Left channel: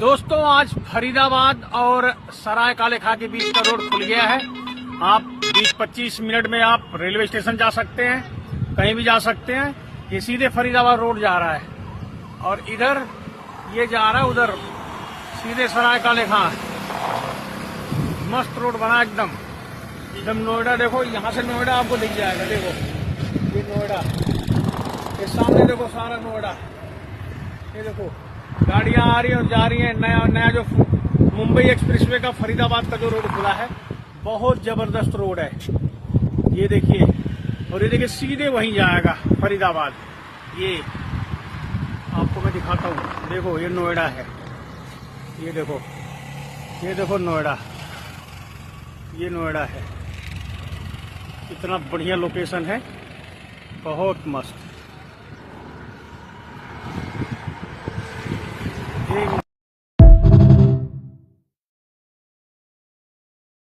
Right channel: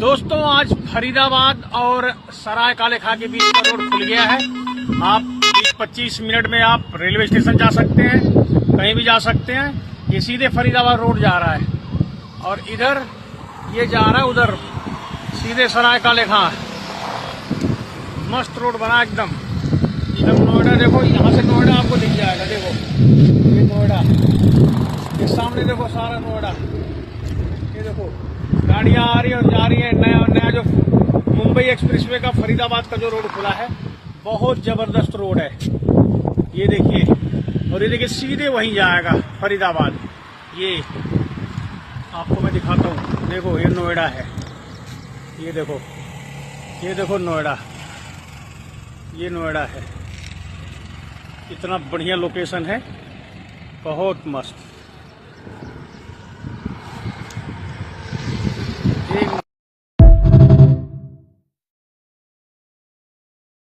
दोस्तों आज फरीदाबाद और सराय काले खां के बीच का रोड खुल गया है। आप 20-25 मिनट में आप रेलवे स्टेशन जा सकते हैं, कहीं भी जा सकते हैं। ये सीधे फरीदाबाद रोड जा रहा है और इधर ये जा रहा है उधर सीधे सराय काले खां। मस्त रोड बना एकदम नोएडा। देखो यहाँ से नोएडा आपको दिख जाएगा। देखो ये नोएडा, ये सामने देखो सारा नोएडा। ये देखो गाड़ियां आ रही है और जा रही है। नया जो मुंबई एक्सप्रेसवे का फरीदाबाद का जो रोड खुला है, बहुत जबरदस्त रोड है। ये देखिए, और ये देखिए सीधे वहीं जाएगा फरीदाबाद। ये आपको मैं दिखाता हूँ। देखो ये नोएडा है, ये देखो नोएडा, ये नोएडा है। इतना बढ़िया लोकेशन है, बहुत मस्त।